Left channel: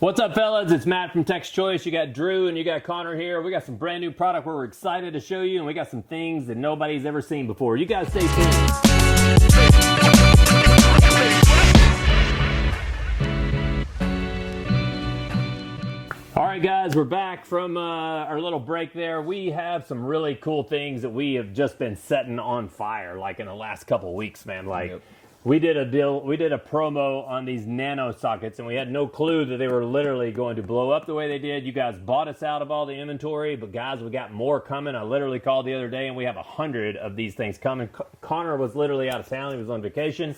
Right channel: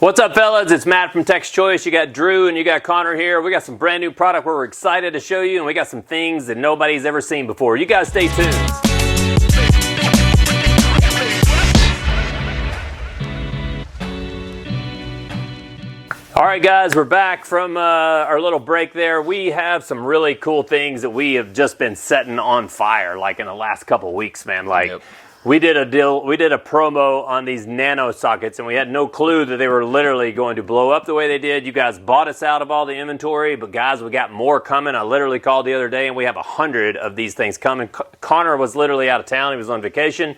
What's up, fellas? It's Matt from Tech's Choice. You got Drew and you got Connor here. We got some brand new product we're excited to show you, and we got some things that nobody's ever seen before. You guys stay tuned. All right, guys, we're back from our little break there. We have some really cool things that we have just been setting on fire, like in the last couple of weeks, man. Like, we did a deal, we did a promo on these Nano sockets, and we had no clue that they were literally going to blow up the way they did. You guys bought us out of all the inventory, but guys, we got more coming. I literally called the other day, and we have 100 of these things coming. Connor was literally out of town. He was on vacation,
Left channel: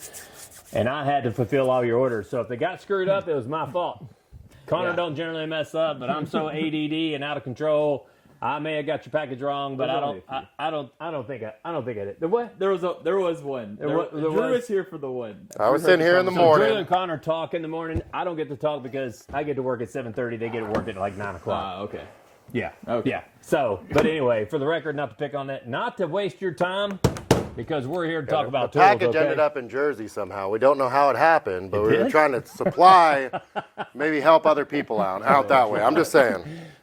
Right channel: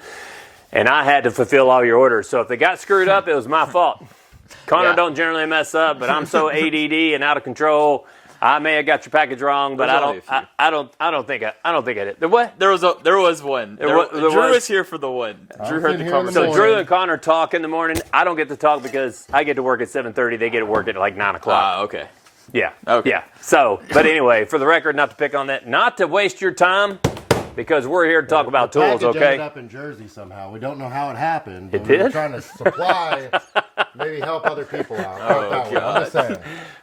and I had to fulfill all your orders. So if they got screwed up, it was my fault. Connor don't generally mess up, but I'm so ADD and out of control. I may have got your package wrong, but I don't think I did. The what? There was one. Drew was here for the one. I was in here in the So morning. Drew and Connor talk in the morning. I don't get to talk because I get to work at 7:30. They get to work at like 9 o'clock. Okay. Yeah. Okay. Yeah. So, but anyway, for the record, not to pick on that, not to waste your time, because we're here to talk about tools. The package Okay. ended up in Jersey somehow. We don't know how it happened, but It we were did? trying to supply, maybe help other people out that way. I'm just saying.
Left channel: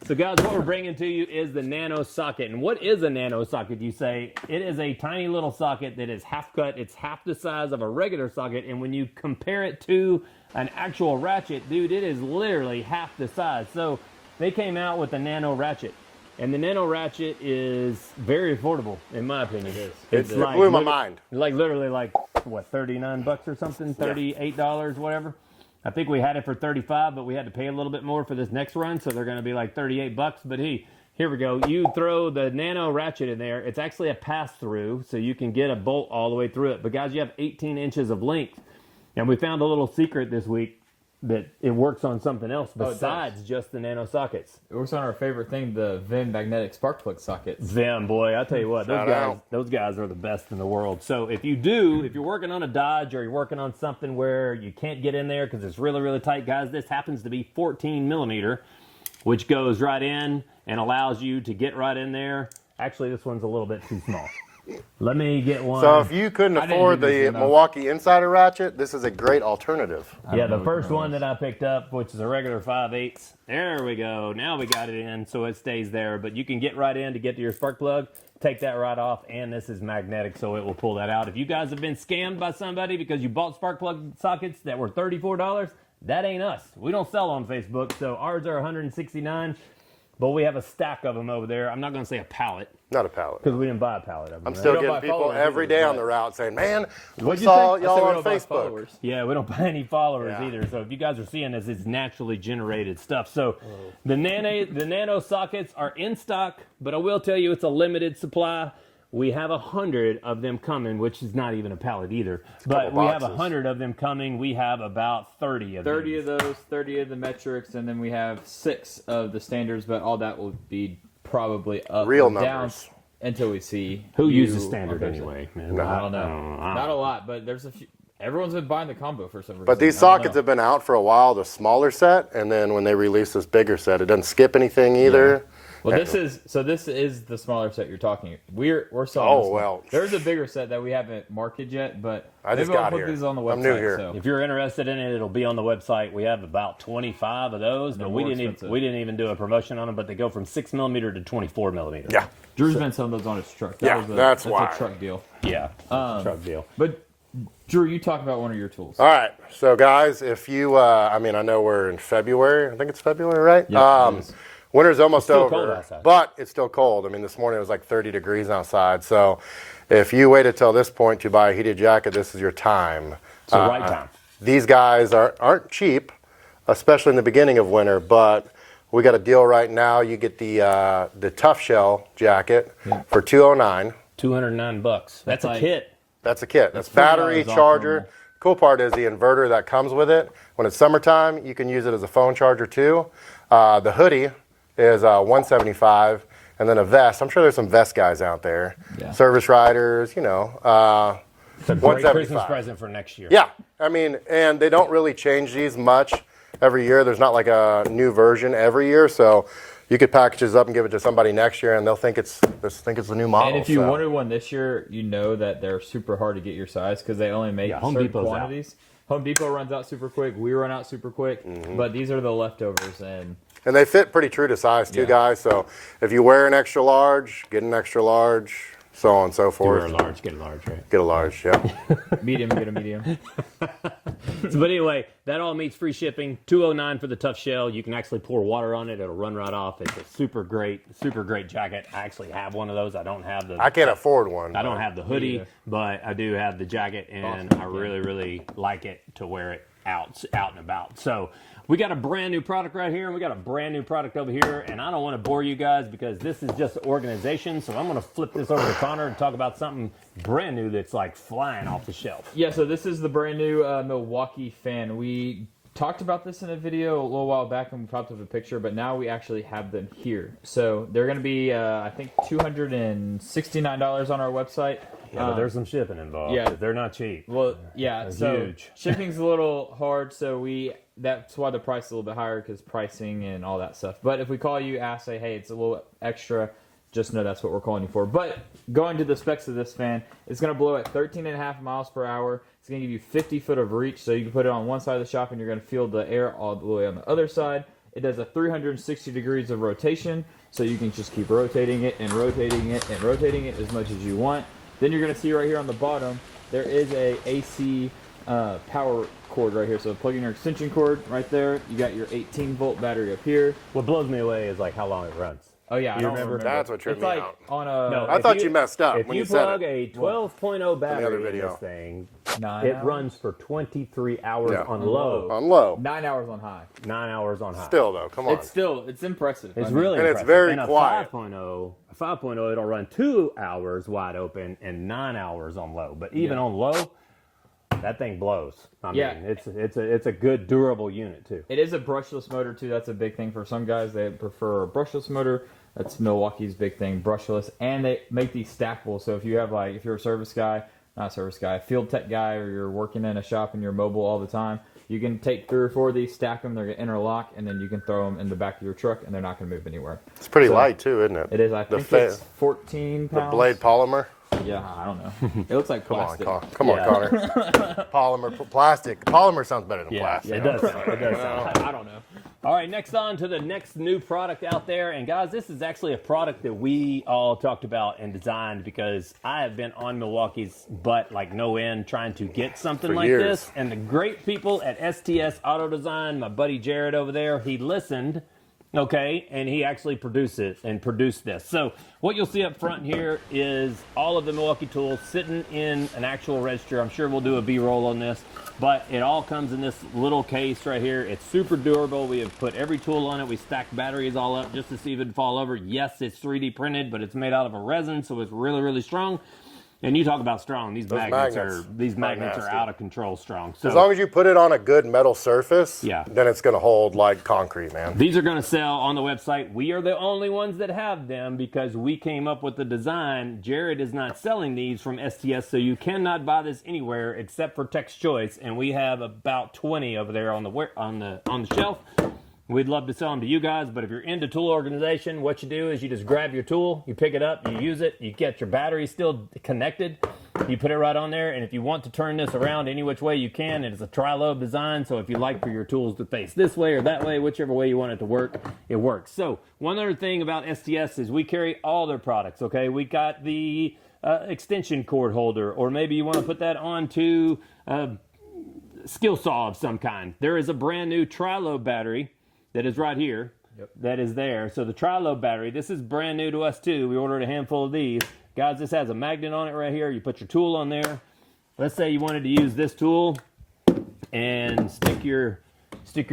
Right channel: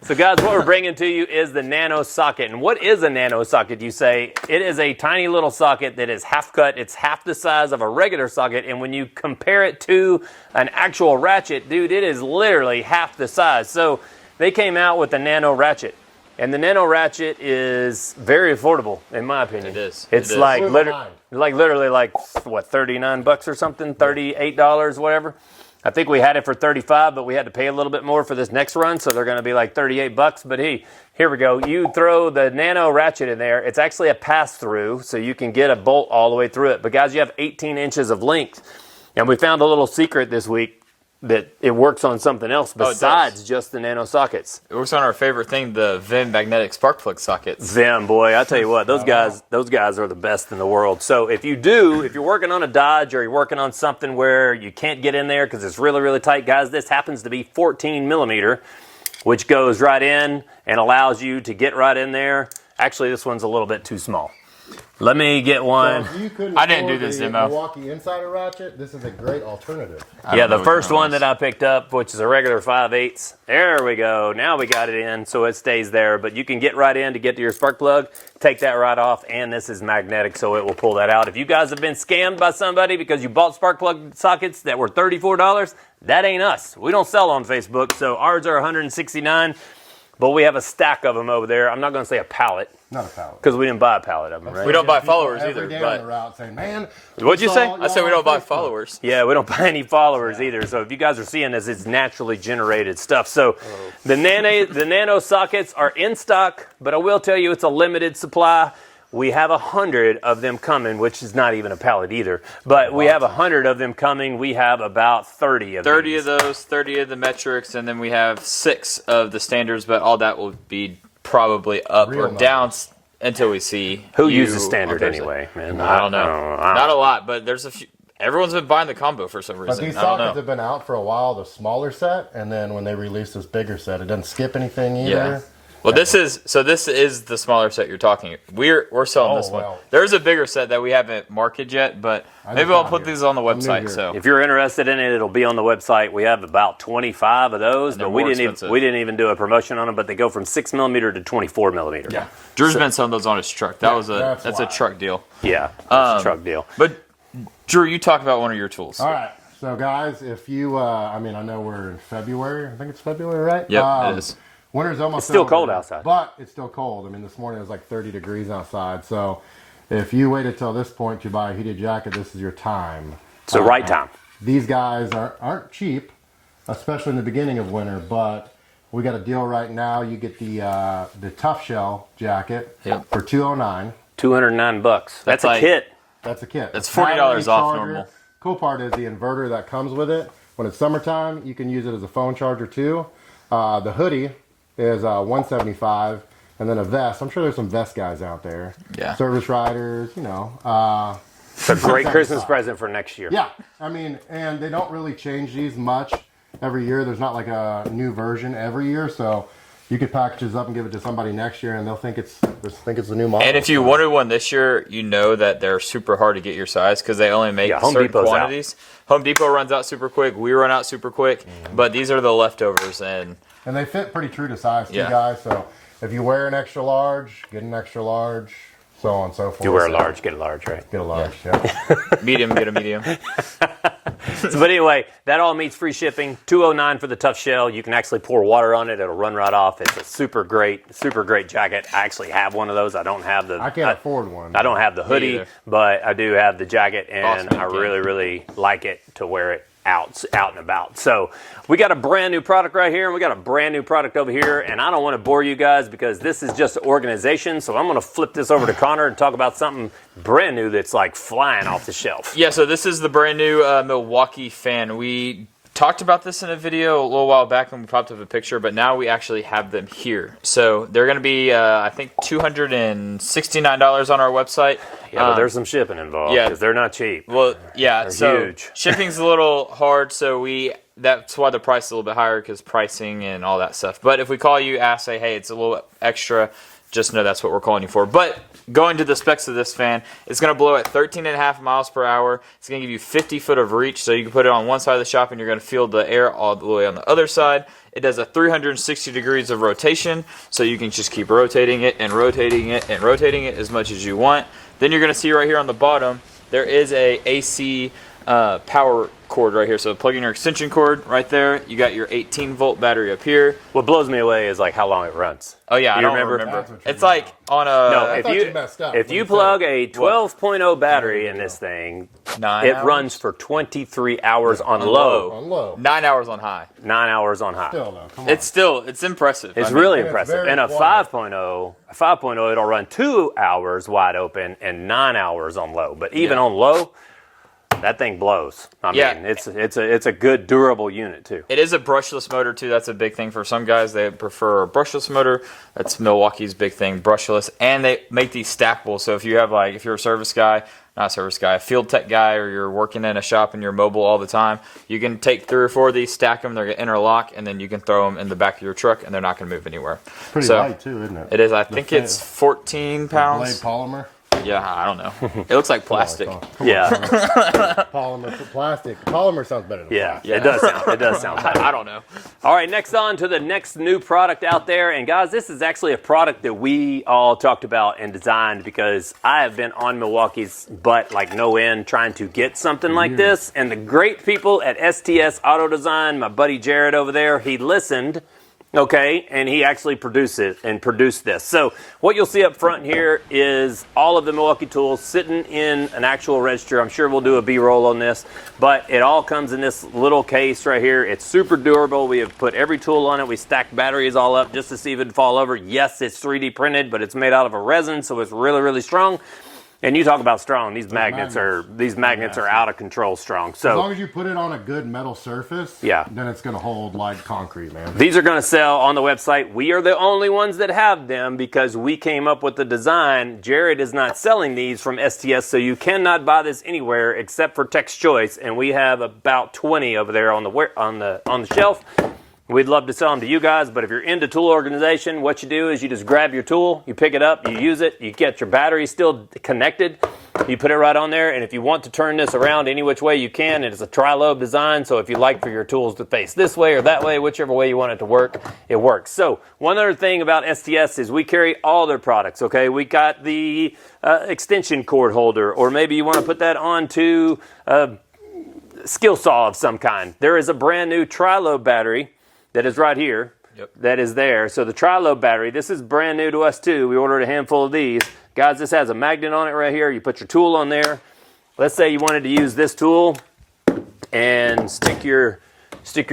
So guys, what we're bringing to you is the Nano socket. And what is a Nano socket, you say? It is a tiny little socket that is half cut. It's half the size of a regular socket. And when you compare it to an actual ratchet, dude, it is literally half the size. So they came out with the Nano ratchet. And the Nano ratchet is very affordable, in my opinion. It is. It's It is. like, Blew my mind. literally like, what, $39 or something? $38, whatever. I think we had it for $35, but we had to pay a little bit more for this next run, so they're going to be like $38. But hey, here we go. You throw the Nano ratchet in there. It's actually a pass-through, so you can get a bolt all the way through it. But guys, you have 18 inches of length. And we found a little secret this week that it works on something else besides just the Nano sockets. It works on our favorite thing, the Vim magnetic spark plug sockets. Them, boy, I tell you what, those guys are the best in the world. So if you're working on a Dodge or you're working on something where you can't get in there because it's really, really tight, guys, this happens to be 14 millimeter, which goes right in and allows you to get right in there. Actually, this one's a little bit too small. Let me get one. So if you couldn't afford the demo. Milwaukee Insider ratchet, this is a great alternative. Yeah, the first one that I picked up, which is a regular 5/8. There we go. Now we got it in, so it stays there. But you can get right in to get to your spark plug, take that right off, and this is magnetic, so it will pull that out. If you guys have been scammed by somebody because you bought spark plug sockets that were $34, that ain't us. We don't sell on Facebook, so ours are $169. But we have a stack of them over there. I'm not going to say a pallet. Not a pallet. Because we didn't buy a pallet of them, right? We don't buy People followers every either, day but- on the route saying, man. What'd you say? I said we don't buy followers. Yeah, we don't buy any followers either. So if you guys are seeing this, it's naturally generated stuff. So the Nano sockets are in stock, but I will tell you it's a limited supply. We have 100 of them coming, which is not even a pallet either. But we have 100 of them coming. We have about 30 of 30 these. of those, 30 of the metrics, and then we have 6 of the standards, but all that will be probably up Real or down numbers. until we see Who you uses standard on Thursday. anyway, man? I don't know. Not a lot, but there's a few. Everyone's been buying the combo for some reason. But these I don't sockets know. have been out for a while, the smaller set, and then when they release this bigger set, it doesn't skip anything either. Yeah. Well, this is the smaller set you're talking. We're selling this one. well. There's a bigger set that we haven't marketed yet, but maybe just I'll got put here. these on the I'm new website. here. So If you're interested in it, it'll be on the website. We have about 25 of those, they're but we more didn't expensive. even do a promotion on them. But they go from 6 millimeter to 24 millimeter. Yeah. Drew's been selling those on his truck. That's that's a why. truck deal. Yeah, it's a truck deal. But Drew, you talk about one of your tools. All right. So, guys, if you, I know we're in February. I think it's February, right? Yep, it is. Winter's almost still over, cold outside. But it's still cold. I mean, this morning it was like 30 degrees outside. So if you waited till this point to buy a heated jacket, this is your time. It's the right time. These guys aren't cheap, especially in the beginning of winter, but we got a deal right now. You get the Tough Shell jacket for $209. $209. That's a like- kit. That's a kit. That's It's battery $40 off charger. normal. Cool part is the inverter that comes with it. When it's summertime, you can use it as a phone charger too. The hoodie is $175, and then a vest. I'm sure there's some vest guys out there. Yeah. Service riders, It's a great Christmas present for next year. Yeah, I mean, and they don't really change these much every year. There's not like a new version every year, so you could package this up and give it to somebody next year, and they'll think it's the new model. And if you wanted one this year, you know that they're super hard to get your size because they only make certain quantities. Home Depot runs out super quick. We run out super quick. But these are the leftovers, and they fit pretty true to size too, guys. So if you wear an extra large, get an extra large. So on and so forth. If you wear a large, get a large, right? Get a large, yeah. Medium, get a medium. But anyway, that all meets free shipping. $209 for the tough shell. You can actually pour water on it. It'll run right off. It's a super great jacket. I actually have one of those. I don't have the... I can't afford one. I don't have the hoodie, but I do have the jacket, and I really, really like it to wear it out and about. So we got a brand new product right here, and we got a brand new product over here, and I don't want to bore you guys because this is just organization, so I'm going to flip this over to Connor and talk about something brand new that's like flying off the shelf. Yeah, so this is the brand new Milwaukee fan. We talked about this in a video a little while back when we popped up a picture, but now we actually have them here. So they're going to be, I think, $269 on our website. Yeah, but there's some shipping involved because they're not cheap. Well, yeah, they're so huge. Shipping's a little hard, so that's why the price is a little bit higher because pricing and all that stuff. But if we call you, say, hey, it's a little extra, just know that's what we're calling you for. But going to the specs of this fan, it's going to blow at 13.5 miles per hour. It's going to give you 50 foot of reach, so you can put it on one side of the shop and you're going to feel the air all the way on the other side. It does a 360 degrees of rotation, so you can just keep rotating it and rotating it and rotating it as much as you want. Then you're going to see right here on the bottom, there is a AC power cord right here. So plug in your extension cord right there. You got your 18 volt battery up here. What blows me away is like how long it runs. Oh yeah, I don't remember? That's what you're It's like on a... No, I thought you messed up. If you plug a 12.0 battery in this thing, it runs for 23 hours on low. On low. 9 hours on high. 9 hours on high. Still though, come on. It's impressive. It's really and it's impressive. very And a quiet. 5.0, it'll run 2 hours wide open and 9 hours on low. But even on low, that thing blows. I mean, it's a good durable unit too. It is a brushless motor too. That's a big thing for some guys. They prefer a brushless motor. That's Milwaukee's big thing, brushless. And they make these stackable. So if you have if you're a service guy, not a service guy, a field tech guy, or you're working in a shop and you're mobile all the time, you can take 3 or 4 of these, stack them, they're going to interlock, and then you can throw them in the back of your truck and they're not going to move anywhere. It's pretty light too, isn't it? It is. I think it's 14 pounds. Blade polymer. Yeah, I don't know. It looks like plastic. Come on, polymer, plastic. Polymer sounds better than plastic. It does sound. It does sound. I don't know. All right, next on to the next new product out there. And guys, this is actually a product that we all talked about and designed because I have been on Milwaukee's butt like no end trying to get something like years. this. And the great people at STS Auto Design, my buddy Jared over there, he listened. Okay, and he actually produced this. So what you'll see up front here is all of the Milwaukee tools sitting in an actual register. I'm sure we'll do a B-roll on this, but it all comes in this little case right here. It's super durable. We have put every tool on it. We stacked batteries all up just to see if it'd fall over. Yes, it's 3D printed, but it's made out of a resin, so it's really, really strong. And you talk about strong. These magnets are out of control strong. So as long as you put it on a good metal surface, yeah, then it's going to hold like concrete, man. These are going to sell on the website. We are the only ones that have them because we came up with the design. Jared is not selling these from STS, so you cannot buy this anywhere except for Tech's Choice, and we have about 20 over there on the shelf. We'd love to sell them to you guys, but if you're into tool organization, what you do is you just grab your tool, you pick it up, you use it, you get your battery still connected, you put it right on there, and if you want to turn this around any which way you can, it is a tri-lobe design, so if you like for your tools to face this way or that way, whichever way you want it to work, it works. So one other thing about STS is we carry all their products, okay? We got the extension cord holder, or maybe you want to put that onto a skill saw of some kind. There is a brand new tri-lobe battery that is right here, that is there. So the tri-lobe battery, this is brand new to us too. We ordered a handful of these. Guys, this has a magnet on it right here. You put your tool on there. Let's say you wanted to use this tool and stick your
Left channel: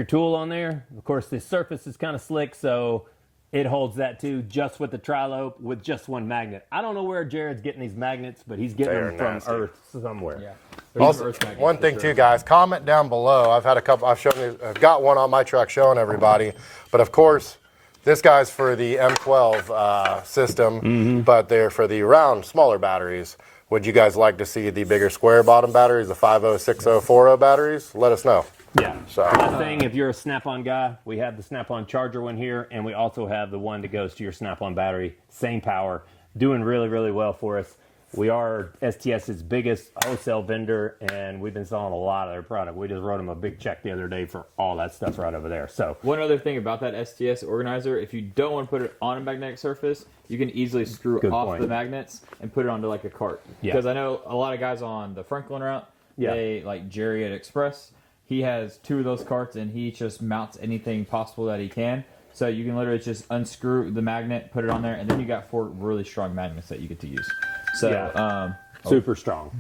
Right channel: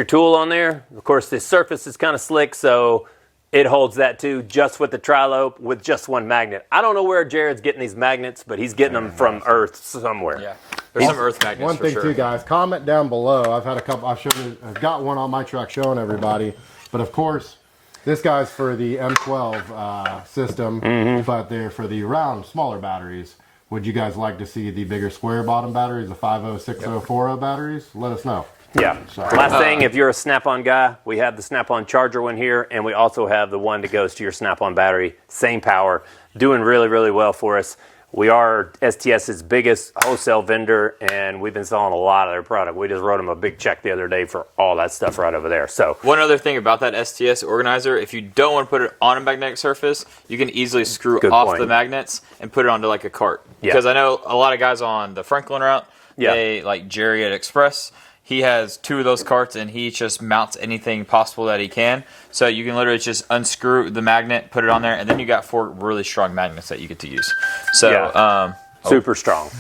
tool on there. Of course, this surface is kind of slick, so it holds that too, just with the tri-lobe with just one magnet. I don't know where Jared's getting these magnets, but he's getting them from Earth somewhere. Yeah. There's some earth magnets. One thing too, guys, comment down below. I've had a couple. I've got one on my truck showing everybody, but of course, this guy's for the M12 system, but they're for the round, smaller batteries. Would you guys like to see the bigger square bottom batteries, the 50, 60, 40 batteries? Let us know. Yeah. So, Last thing, if you're a Snap-on guy, we have the Snap-on charger one here, and we also have the one that goes to your Snap-on battery. Same power. Doing really, really well for us. We are STS's biggest wholesale vendor, and we've been selling a lot of their product. We just wrote them a big check the other day for all that stuff right over there. So one other thing about that STS organizer, if you don't want to put it on a magnetic surface, you can easily screw off the magnets and put it onto like a cart. Yeah. Because I know a lot of guys on the Franklin route, they like Jerry at Express. He has 2 of those carts, and he just mounts anything possible that he can. So you can literally just unscrew the magnet, put it on there, and then you got 4 really strong magnets that you get to use. So super strong.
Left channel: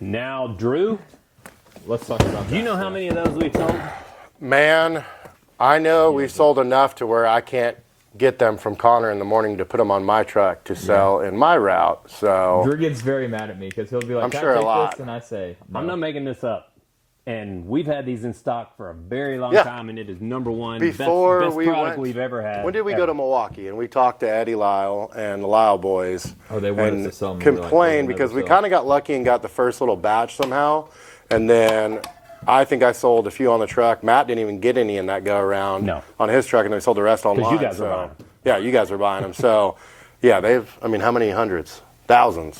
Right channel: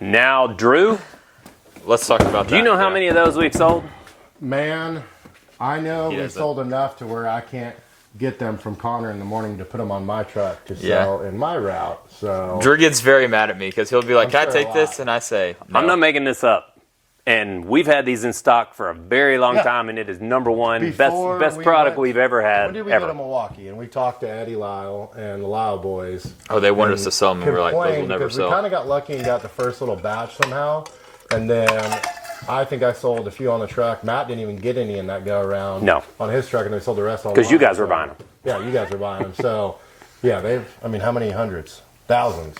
Now, Drew, let's talk about that. do you know how many of those we've sold? man, I know we've sold enough to where I can't get them from Connor in the morning to put them on my truck to sell in my route. So Drew gets very mad at me because he'll be like, "Can I take this?" And I say, "No." I'm not making this up. And we've had these in stock for a very long time, and it is #1 best product we've ever had. When did we go to Milwaukee? And we talked to Eddie Lyle and the Lyle boys. Oh, they wanted us to sell them. Complained because we kind of got lucky and got the first little batch somehow. And then I think I sold a few on the truck. Matt didn't even get any in that go around on his truck, and they sold the rest online. Because you guys were buying them. Yeah, you guys were buying them. So, yeah, how many hundreds? Thousands.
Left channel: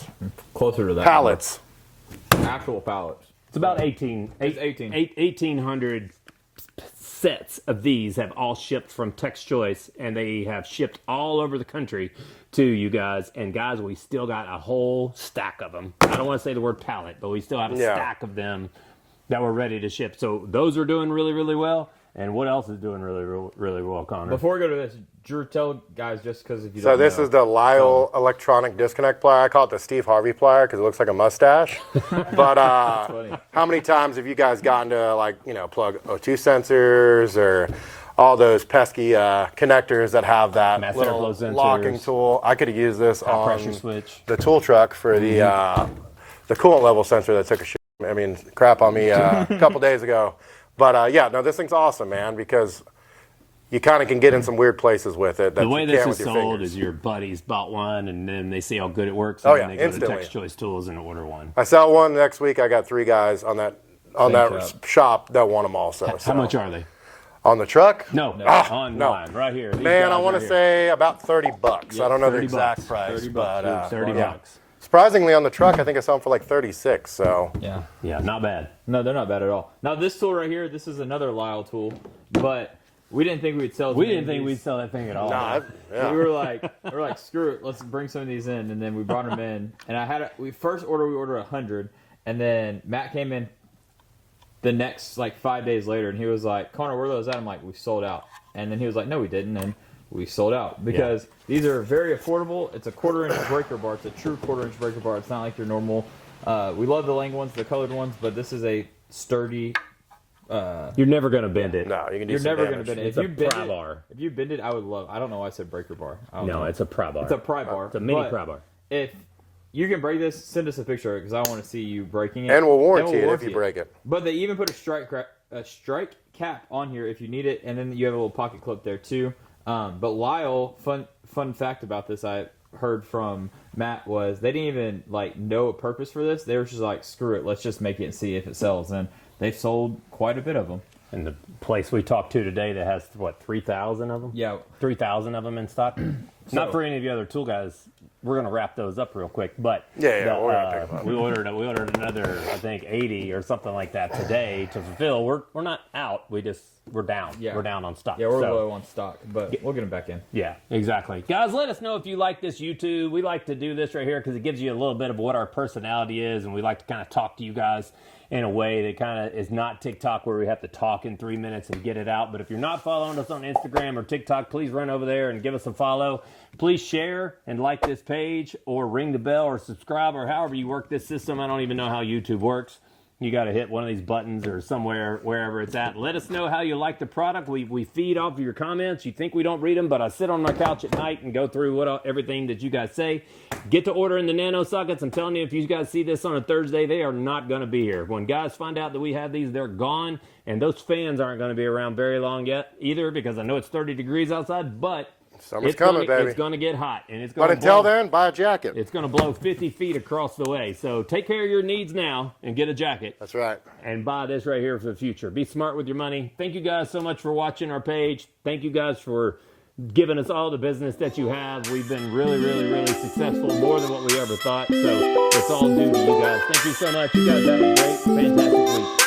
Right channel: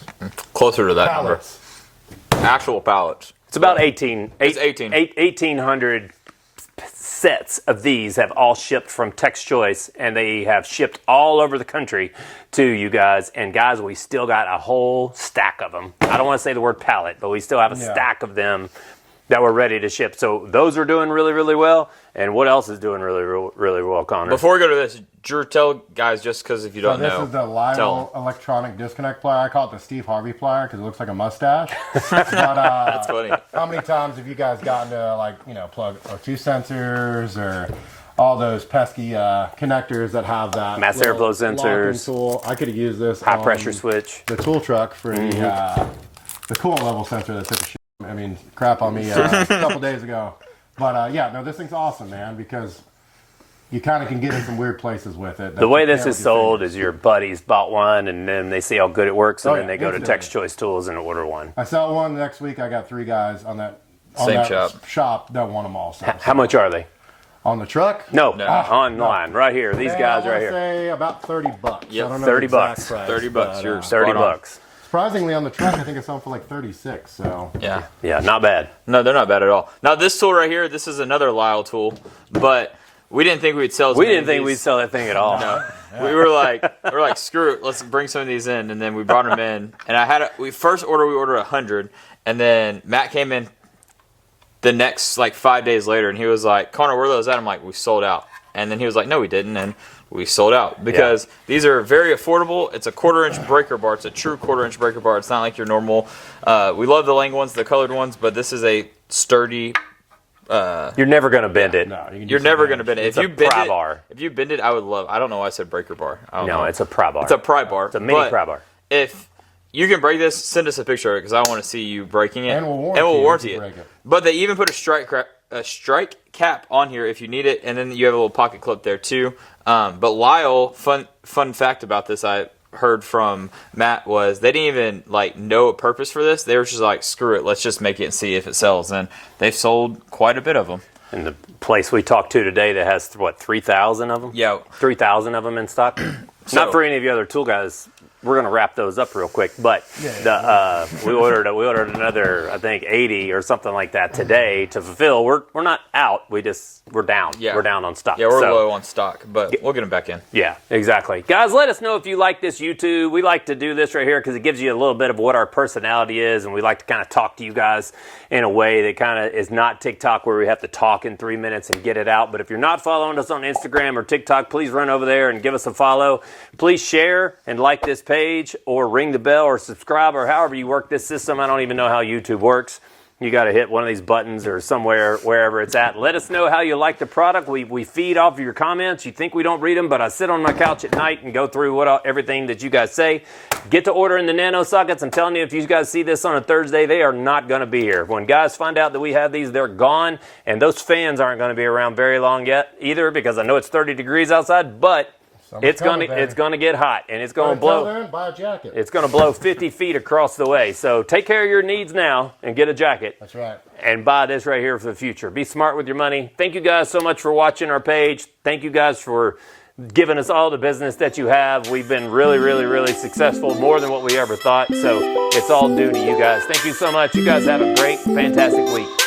Closer to that Pallets. Number. Actual pallets. It's about 1,800 sets of these have all shipped from Tex Choice, and they have shipped all over the country to you guys. And guys, we still got a whole stack of them. I don't want to say the word pallet, but we still have a stack of them that we're ready to ship. So those are doing really, really well. And what else is doing really, really well, Connor? Before we go to this, Drew, tell guys, just because if you don't know. So this is the Lyle electronic disconnect plier. I call it the Steve Harvey plier because it looks like a mustache. But that's funny. How many times have you guys gotten to plug O2 sensors or all those pesky connectors that have that mass airflow sensors? Tool. I could have used this high pressure switch. The tool truck for the coolant level sensor that took crap on me a couple days ago. But this thing's awesome, man, because you kind of can get in some weird places with it. The way this is sold is your buddies bought one, and then they see how good it works, and then they go to Tex Choice Tools and order one. I sell one next week. I got 3 guys on that shop that want them also. How much are they? On the truck? No, online, right here. These guys I want right to here. say about $30. Yep. I don't know $30. Price, $30. You're $30. Surprisingly, on the truck, I think I saw them for like 36. So yeah, not bad. No, they're not bad at all. Now this tool right here, this is another Lyle tool, but we didn't think we'd sell. We didn't think we'd sell that thing at all. No. Yeah. We were like, screw it, let's bring some of these in, and then we brought them in. And we ordered 100, and then Matt came in the next 5 days later, and he was like, "Connor, where are those at?" I'm like, "We sold out." And then he was like, "No, we didn't." And we sold out because these are very affordable. It's a 1/4-inch breaker bar. It's a true 1/4-inch breaker bar. It's not like your normal. We love the Lang ones, the colored ones, but this is a sturdy. You're never going to bend it. No, you're never going to bend it. If you bend it, I would love. I don't know why I said breaker bar. No, it's a pry bar. It's a pry bar. It's a mini pry bar. If you can break this, send us a picture of it because I want to see you breaking it. And we'll warranty it. Break it. But they even put a strike cap on here if you need it, and then you have a little pocket clip there too. But Lyle, fun fact about this I heard from Matt was they didn't even know a purpose for this. They were just like, screw it, let's just make it and see if it sells. And they've sold quite a bit of them. And the place we talked to today that has 3,000 of them? Yeah. 3,000 of them in stock. Not for any of you other tool guys. We're going to wrap those up real quick, but we ordered another, I think, 80 or something like that today to fulfill. We're not out. We're down. Yeah. We're down on stock. Yeah, we're low on stock, but we'll get them back in. Yeah, exactly. Guys, let us know if you like this YouTube. We like to do this right here because it gives you a little bit of what our personality is, and we like to kind of talk to you guys in a way that kind of is not TikTok where we have to talk in 3 minutes and get it out. But if you're not following us on Instagram or TikTok, please run over there and give us a follow. Please share and like this page or ring the bell or subscribe or however you work this system. I don't even know how YouTube works. You got to hit one of these buttons or somewhere, wherever it's at. Let us know how you like the product. We feed off of your comments. You think we don't read them, but I sit on my couch at night and go through everything that you guys say. Get to ordering the Nano sockets. I'm telling you, if you guys see this on a Thursday, they are not going to be here. When guys find out that we have these, they're gone. And those fans aren't going to be around very long yet either because I know it's 30 degrees outside, but Summer's coming, baby. It's gonna get hot, and it's gonna But until blow. then, buy a jacket. It's gonna blow 50 feet across the way. So take care of your needs now and get a jacket. That's right. And buy this right here for the future. Be smart with your money. Thank you guys so much for watching our page. Thank you guys for giving us all the business that you have. We've been really, really, really successful, more than what we ever thought. So it's all due to you guys. Thank you so much. You guys have a great, fantastic week.